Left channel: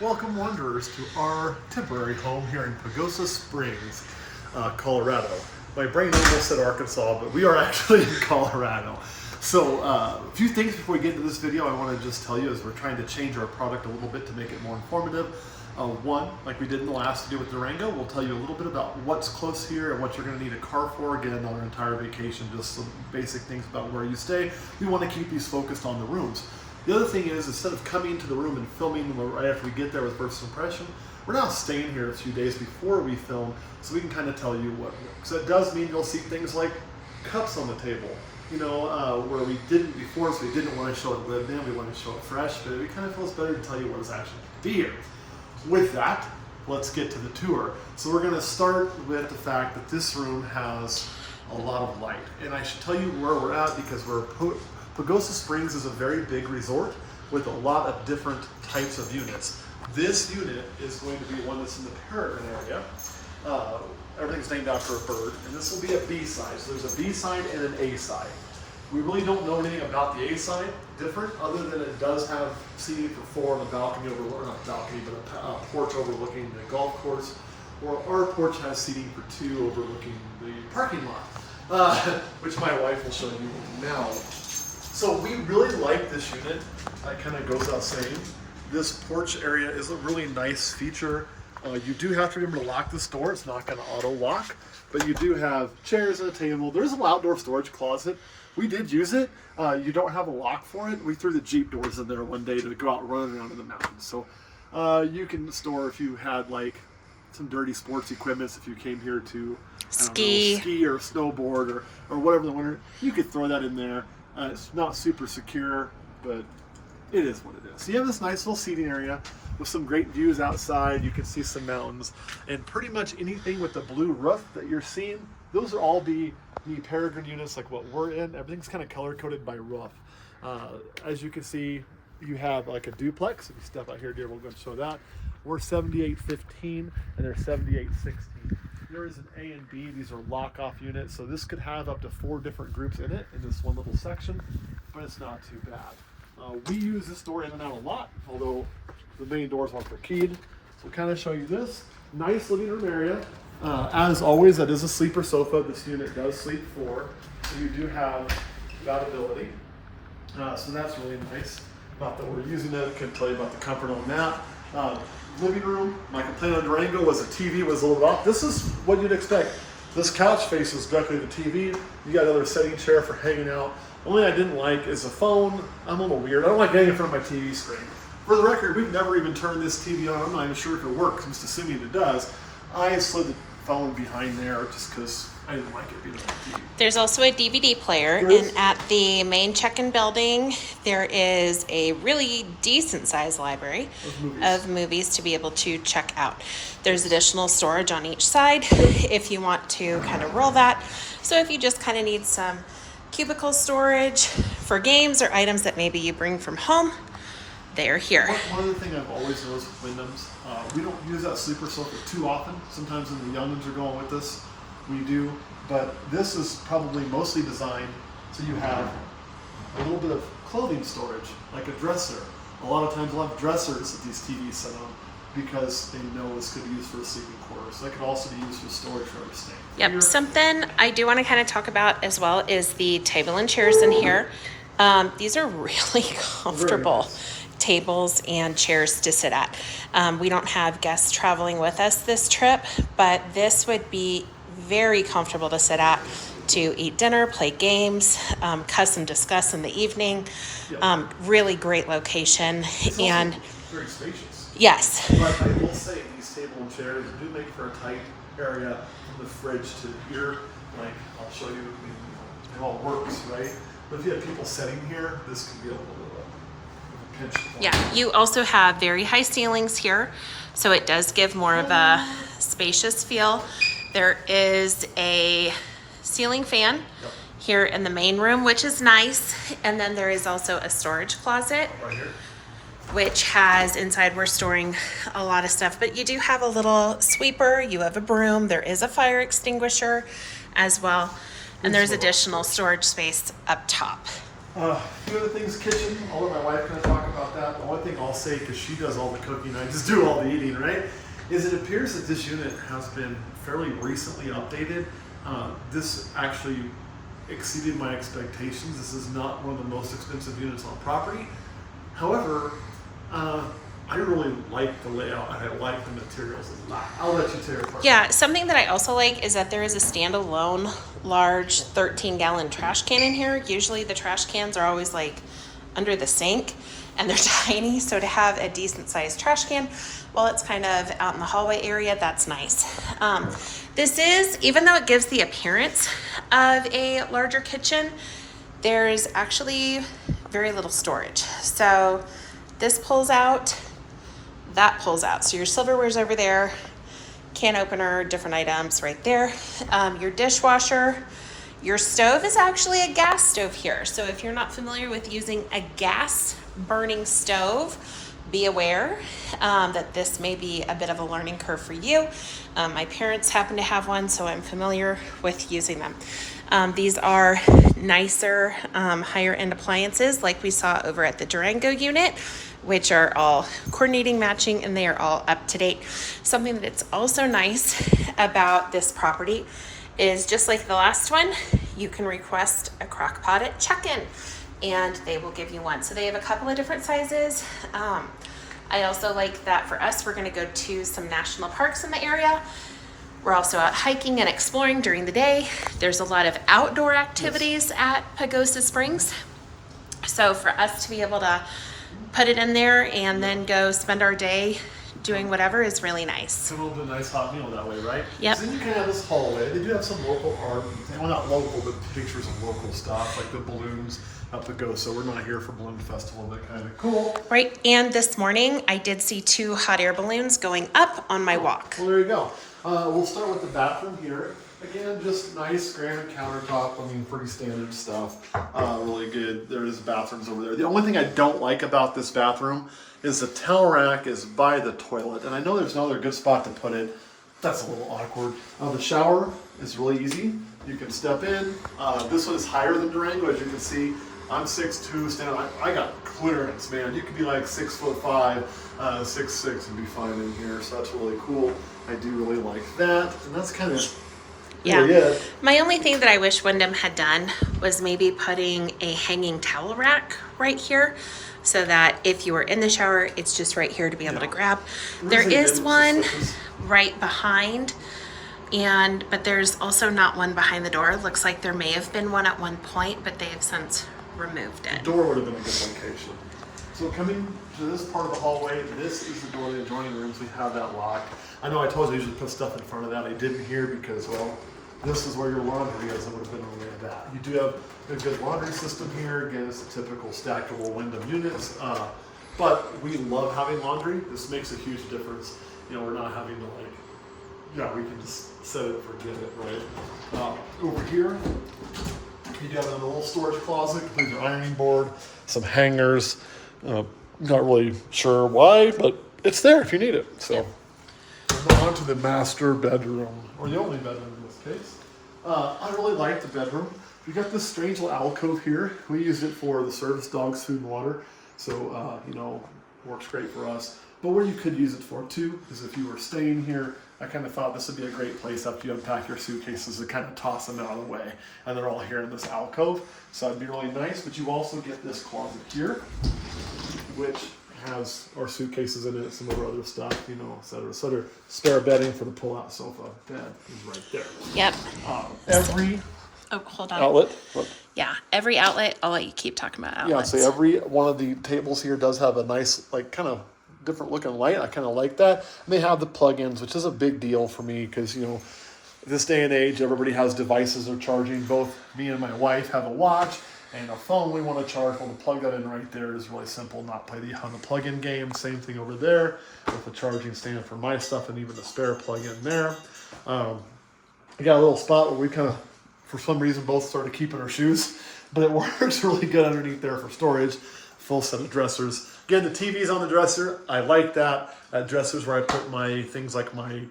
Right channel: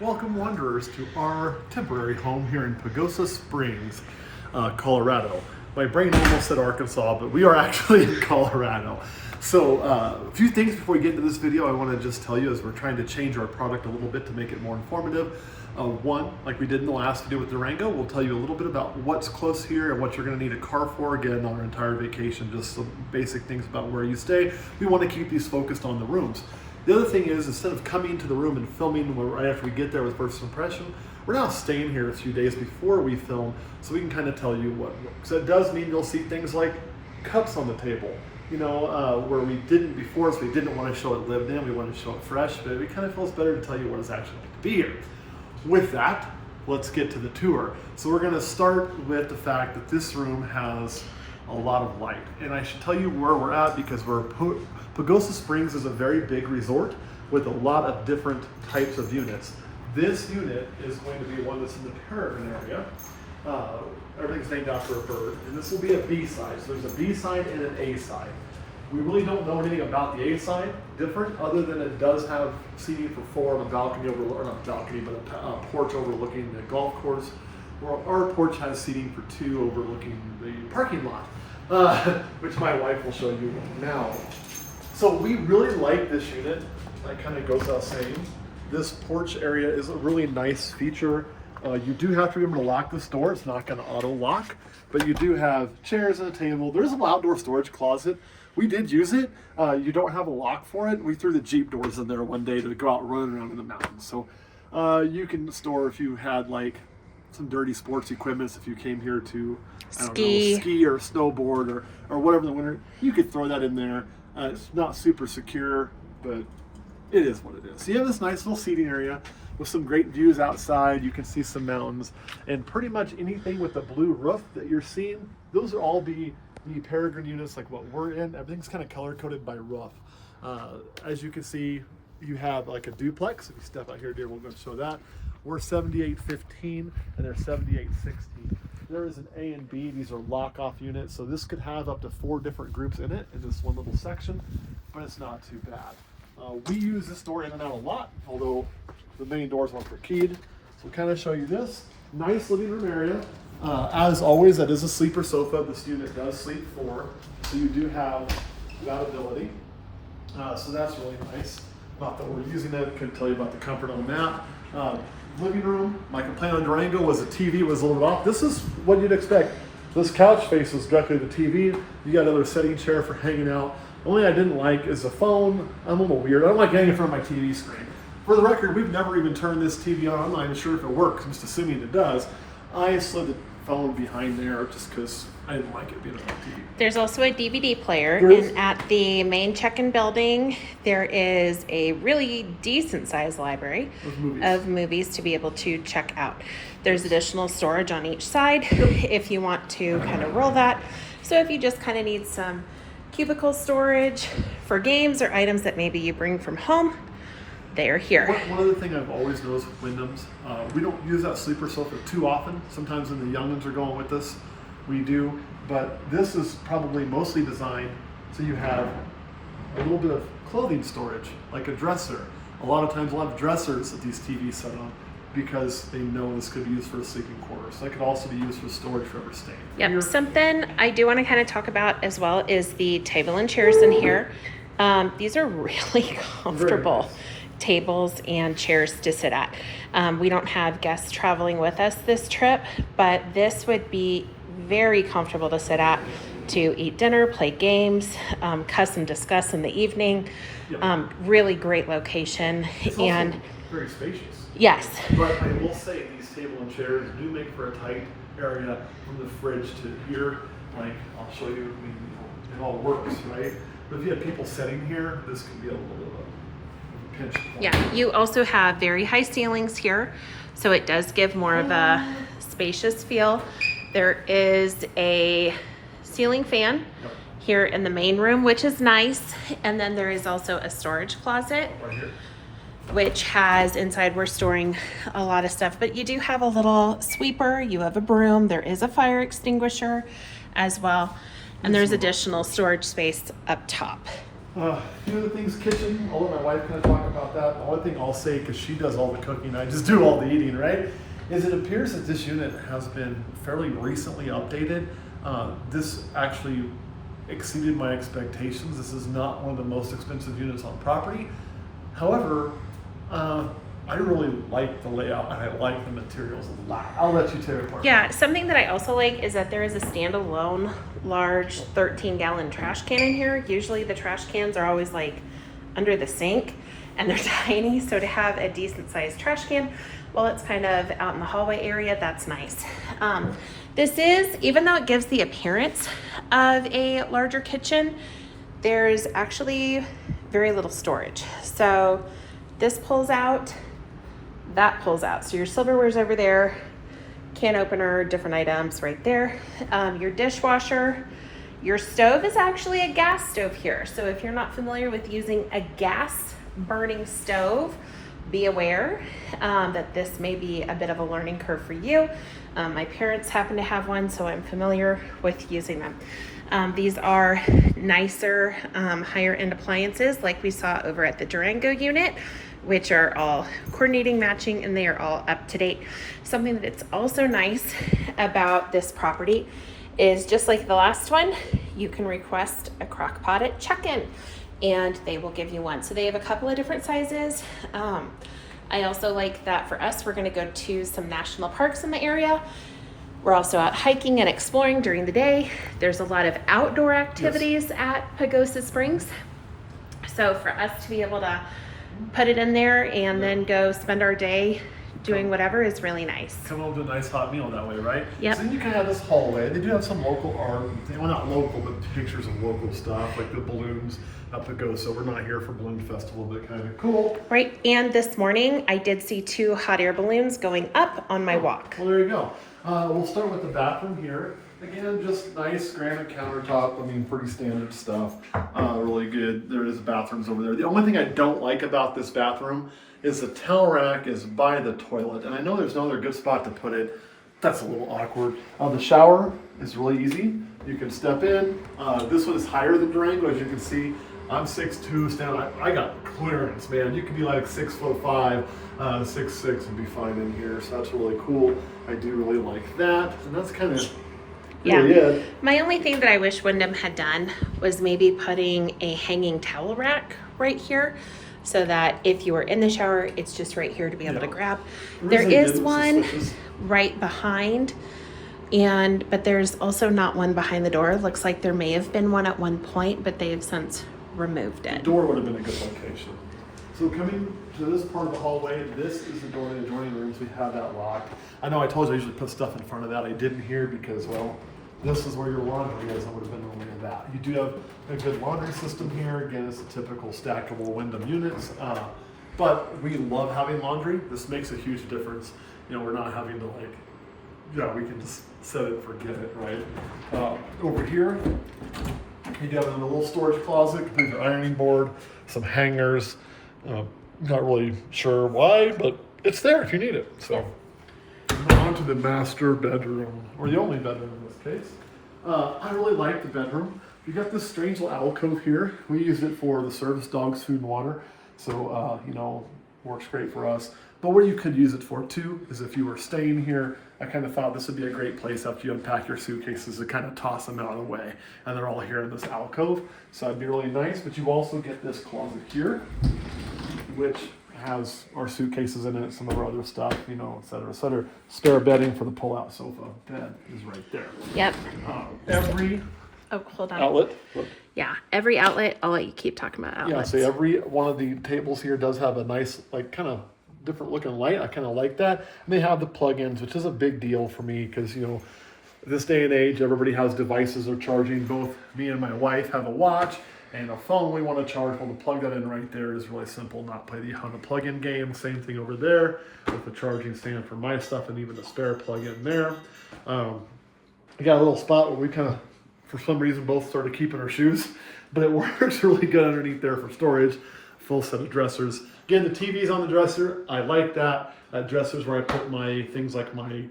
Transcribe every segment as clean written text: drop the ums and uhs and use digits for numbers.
Welcome wanderers to our temporary home here in Pagosa Springs, Colorado. My brain almost said Arkansas, but we are actually in Colorado. So a few things before we get into this video I want to just tell you as we're trying to change our product a little bit to make it more informative. One, like we did in the last video with Durango, we'll tell you a little bit about what's close here and what you're going to need a car for, again, on our entire vacation, just some basic things about where you stay. We want to keep these focused on the rooms. The other thing is, instead of coming into the room and filming right after we get there with first impression, we're now staying here a few days before we film so we can kind of tell you what works. So it does mean you'll see things like cups on the table, where we didn't before, so we didn't want to show it lived in, we wanted to show it fresh, but it kind of feels better to tell you what it's actually like to be here. With that, let's get to the tour. So we're going to start with the fact that this room has a lot of light. And I should tell you where we're at because Pagosa Springs is a very big resort with a lot of different types of units. This unit is going to be one that's in the Peregrine area. Everything's named after a bird, and this will be a B side. So there's a B side and an A side. We really don't know anything about the A side different, other than it does have seating for four and a balcony or not balcony, but a porch overlooking the golf course. Well, our porch has seating for two overlooking the parking lot, which my wife will show you now. So we really like this unit. That kind of goes without saying. This porch area is a really nice feature. You do have to remember to lock this door. It's not going to auto lock, but you do have chairs and a table. There's an outdoor storage closet. We did use it. You don't have a lock for it. We threw the Jeep doors in there one day to go out running around in the mountains. So you can store if you had like some dirty sports equipment, if you came here to ski or snowboard or whatever in the winter, you could throw that in there. It's not super secure, but it is what it is. So you have this nice little seating area with some great views outside. You can see some mountains, and pretty much anything with the blue roof that you're seeing, those are all the Peregrine units like what we're in. Everything's kind of color coded by roof. As you can see, you have like a duplex. If you step out here, dear, we'll go and show that. We're 7815 and they're 7816. There is an A and B. These are lock-off units, so this could have up to 4 different groups in it in this one little section, but it's not too bad. We use this door in and out a lot, although the main doors are keyed. So we'll kind of show you this nice living room area. As always, that is a sleeper sofa. This unit does sleep 4, so you do have that ability. So that's really nice. Not that we're using it, I couldn't tell you about the comfort on that. Living room, my complaint on Durango was the TV was a little off. This is what you'd expect. This couch faces directly the TV. You got another setting chair for hanging out. The only thing I didn't like is the phone. I'm a little weird. I don't like getting in front of my TV screen. For the record, we've never even turned this TV on. I'm not even sure if it works, I'm just assuming it does. I slid the phone behind there just because I didn't like it being on TV. There's also a DVD player, and at the main check-in building, there is a really decent sized library of movies to be able to check out. There's additional storage on each side if you want to kind of roll that. So if you just kind of need some cubicle storage for games or items that maybe you bring from home, they're here. One other thing I've always noticed with Wyndhams, we don't use that sleeper sofa too often. Sometimes when the youngins are going with us, we do. But this is probably mostly designed so you have a little bit of clothing storage, like a dresser. A lot of times we'll have dressers that these TVs set on because they know this could be used for a sleeping quarter. So that could also be used for storage for other staying. Yep, something I do want to kind of talk about as well is the table and chairs in here. These are really comfortable. Very nice. Tables and chairs to sit at. We don't have guests traveling with us this trip, but this would be very comfortable to sit at to eat dinner, play games, cuss and discuss in the evening. Really great location. It's and also very spacious. Yes. But I will say these table and chairs do make for a tight area from the fridge to here. Like I'll show you, it all works, right? But if you have people sitting here, this could be a little bit of a pinch. Yeah, you also have very high ceilings here, so it does give more of a spacious feel. There is a ceiling fan here in the main room, which is nice. And then there is also a storage closet, Right here. which has inside we're storing a lot of stuff. But you do have a little sweeper, you have a broom, there is a fire extinguisher as well. And there's additional storage space up top. A few other things, kitchen. I'll let my wife kind of talk about that. The only thing I'll say, because she does all the cooking, I just do all the eating, right? Is it appears that this unit has been fairly recently updated. This actually exceeded my expectations. This is not one of the most expensive units on property. However, I really like the layout and I like the materials a lot. I'll let you tear it apart. Yeah, something that I also like is that there is a standalone large 13-gallon trash can in here. Usually the trash cans are always like under the sink and they're tiny, so to have a decent sized trash can while it's kind of out in the hallway area, that's nice. This is, even though it gives the appearance of a larger kitchen, there's actually very little storage. So this pulls out, that pulls out. So your silverware's over there, can opener, different items right there. Your dishwasher, your stove is actually a gas stove here. So if you're not familiar with using a gas burning stove, be aware that this may be a bit of a learning curve for you. My parents happen to have one, so I'm familiar with using them. These are nicer, higher end appliances like we saw over at the Durango unit, which are all coordinating, matching, and they are all up to date. Something that's also nice about this property is, just like the last one, you can request a crock pot at check-in and they will give you one. So they have a couple of different sizes. I also like that for us, we're gonna go to some national parks in the area. We're also out hiking and exploring during the day. There's a lot of outdoor activities at Pagosa Springs. So for us to be able to put it in there and then go spend our day doing whatever is really nice. Come over to a nice hot meal that way, right? Yep. So then you can have this hallway. They do have some local art, well, not local, but pictures of local stuff, like the balloons up Pagosa. We're not here for Balloon Festival, but kind of cool. Right, and this morning I did see 2 hot air balloons going up on my walk. Well, there you go. We'll start with the bathroom here. Again, just nice granite countertop. I mean, pretty standard stuff. Really good. There is bathrooms over there. The only thing I don't like about this bathroom is the towel rack is by the toilet. And I know there's no other good spot to put it. That's a little awkward. The shower is really easy. You can step in. This one is higher than Durango, as you can see. I'm 6'2", stand. I got clearance, man. You could be like 6'5", 6'6", and be fine in here. So that's really cool. I do really like that. And that's kind of Yeah. My only thing that I wish Wyndham had done was maybe putting a hanging towel rack right here, so that if you were in the shower, it's just right here to be able to grab. There is one right behind, but there's also not one behind the door. Looks like there may have been one at one point, but they have since removed it. The door would have been a good location. So coming to this part of the hallway, this is the door to the adjoining rooms. We have that lock. I know I told you I usually put stuff in front of that. I didn't here because, well, this is where your laundry is. It would have been only that. You do have a good laundry system here. Again, it's the typical stackable Wyndham units. But we love having laundry. This makes a huge difference. You know, we're not having to we can just set it and forget it, right? Over here, you got a little storage closet, complete the ironing board, some hangers. Not really sure why, but it's there if you need it. So. Yep. On to the master bedroom, or the only bedroom in this case. I really like the bedroom. You got this strange little alcove here. We use it for the service dogs, food and water. So, works great for us. But where you could use it for too is if you were staying here. I kind of thought this would be a great place after you unpack your suitcases to kind of toss them out of the way. And they're all here in this alcove. So that'd be really nice. But you also get this closet here, which has our suitcases in it, some of our other stuff, et cetera, et cetera. Spare bedding for the pull-out sofa. Bed is right there. Yep. Every hold on. outlet. Yeah, every outlet. I'll let you keep talking about outlets. Yeah, so every one of the tables here does have a nice, kind of different looking light. I kind of like that. And they have the plug-ins, which is a big deal for me because, this day and age, everybody has devices they're charging. Both me and my wife have a watch and a phone we want to charge. Well, to plug that in right there is really simple. Not play on the plug-in game. Same thing over there with the charging stand for my stuff and even the spare plug-in there. I got a little spot where we kind of, for some reason, both started keeping our shoes, but it works really good underneath there for storage. Full set of dressers. Again, the TV's on the dresser. I like that. That dresser's where I put my things like my,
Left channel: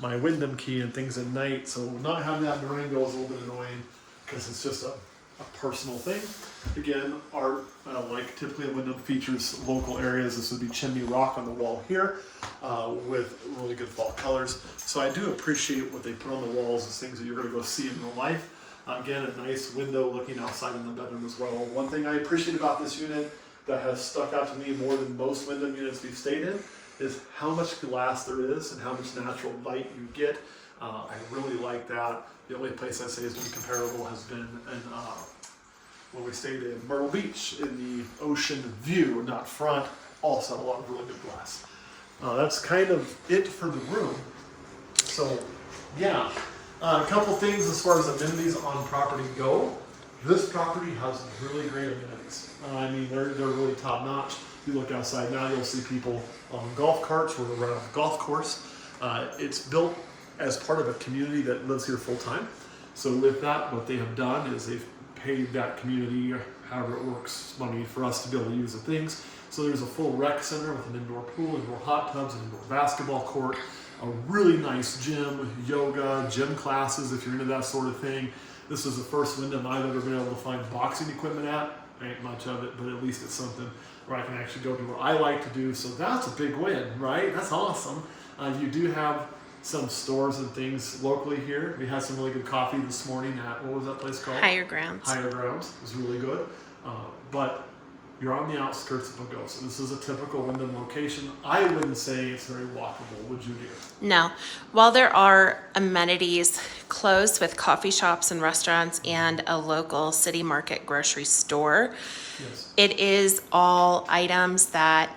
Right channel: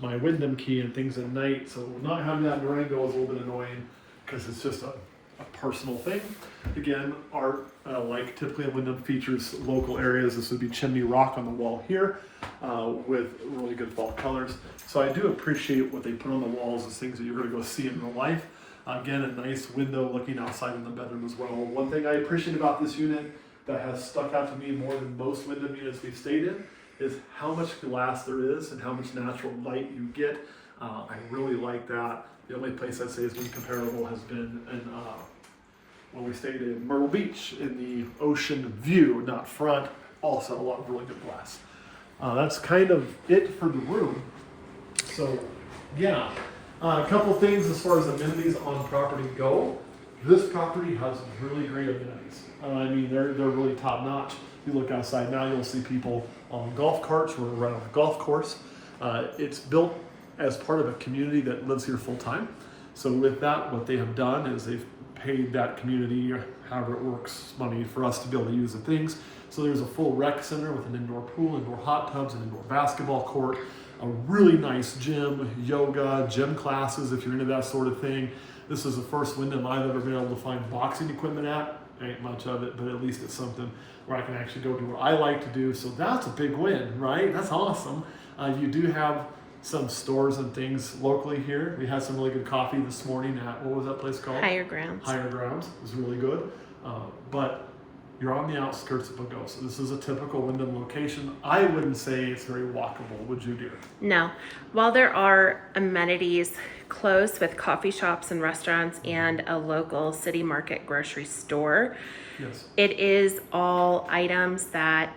my Wyndham key and things at night. So not having that in Durango is a little bit annoying because it's just a a personal thing. Again, art, like typically at Wyndham, features local areas. This would be Chimney Rock on the wall here with really good fall colors. So I do appreciate what they put on the walls as things that you're going to go see in real life. Again, a nice window looking outside in the bedroom as well. One thing I appreciate about this unit that has stuck out to me more than most Wyndham units we've stayed in is how much glass there is and how much natural light you get. I really like that. The only place I'd say is comparable has been in when we stayed in Myrtle Beach in the ocean view, not front. Also a lot of really good glass. That's kind of it for the room. So yeah, a couple things as far as amenities on property go. This property has really great amenities. I mean, they're really top notch. If you look outside now, you'll see people on golf carts. We're right on a golf course. It's built as part of a community that lives here full time. So with that, what they have done is they've paid that community, however it works, money for us to be able to use the things. So there's a full rec center with an indoor pool, indoor hot tubs, an indoor basketball court, a really nice gym, yoga, gym classes if you're into that sort of thing. This is the first Wyndham I've ever been able to find boxing equipment at. Ain't much of it, but at least it's something where I can actually go do what I like to do. So that's a big win, right? That's awesome. You do have some stores and things locally here. We had some really good coffee this morning at, what was that place called? Higher Grounds. Higher Grounds. It was really good. But you're on the outskirts of Pagosa. This is a typical Wyndham location. I wouldn't say it's very walkable, would you, dear? No. While there are amenities close with coffee shops and restaurants and a local city market grocery store, Yes. it is all items that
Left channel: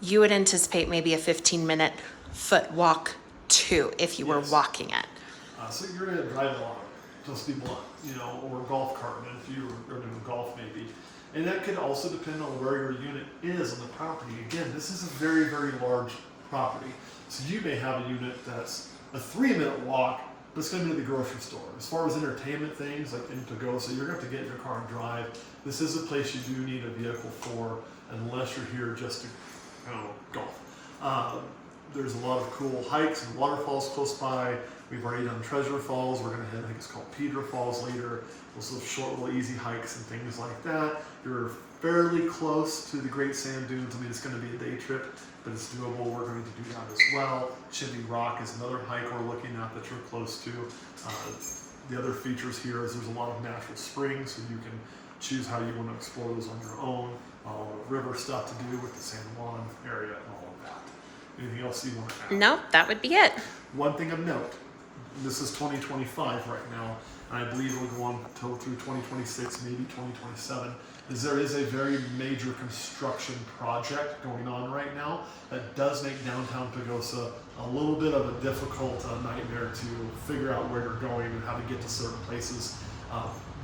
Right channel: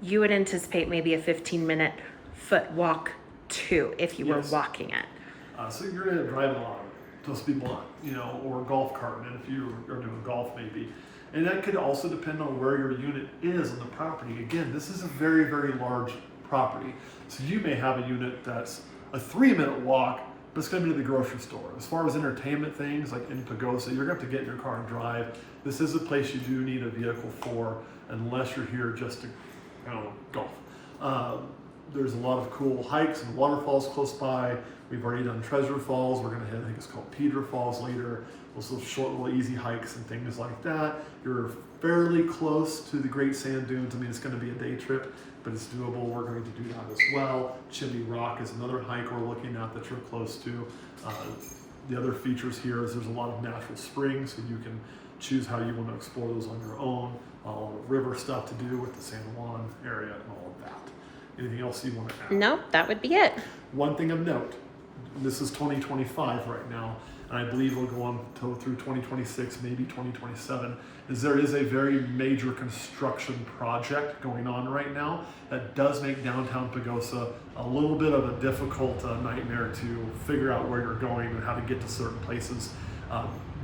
you would anticipate maybe a 15-minute foot walk to if you were Yes. walking it. So you're going to drive a lot, just be blunt, or a golf cart, if you are doing golf maybe. And that could also depend on where your unit is on the property. Again, this is a very, very large property. So you may have a unit that's a 3-minute walk, but it's going to be to the grocery store. As far as entertainment things, like in Pagosa, you're going to have to get in your car and drive. This is a place you do need a vehicle for, unless you're here just to, golf. There's a lot of cool hikes and waterfalls close by. We've already done Treasure Falls. We're going to hit, I think it's called Peter Falls later. Also short little easy hikes and things like that. You're fairly close to the Great Sand Dunes. I mean, it's going to be a day trip, but it's doable. We're going to do that as well. Chimney Rock is another hike we're looking at that you're close to. The other features here is there's a lot of natural springs, so you can choose how you want to explore those on your own. River stuff to do with the San Juan area and all of that. Anything else you want to add? No, that would be it. One thing of note, this is 2025 right now, and I believe we'll go on until through 2026, maybe 2027, is there is a very major construction project going on right now that does make downtown Pagosa a little bit of a difficult nightmare to figure out where you're going and how to get to certain places.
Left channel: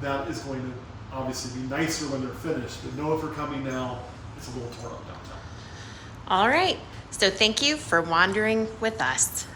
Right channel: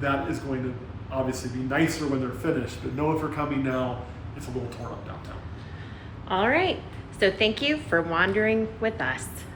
That is going to obviously be nicer when they're finished, but know if you're coming now, it's a little torn up downtown. All right. So thank you for wandering with us.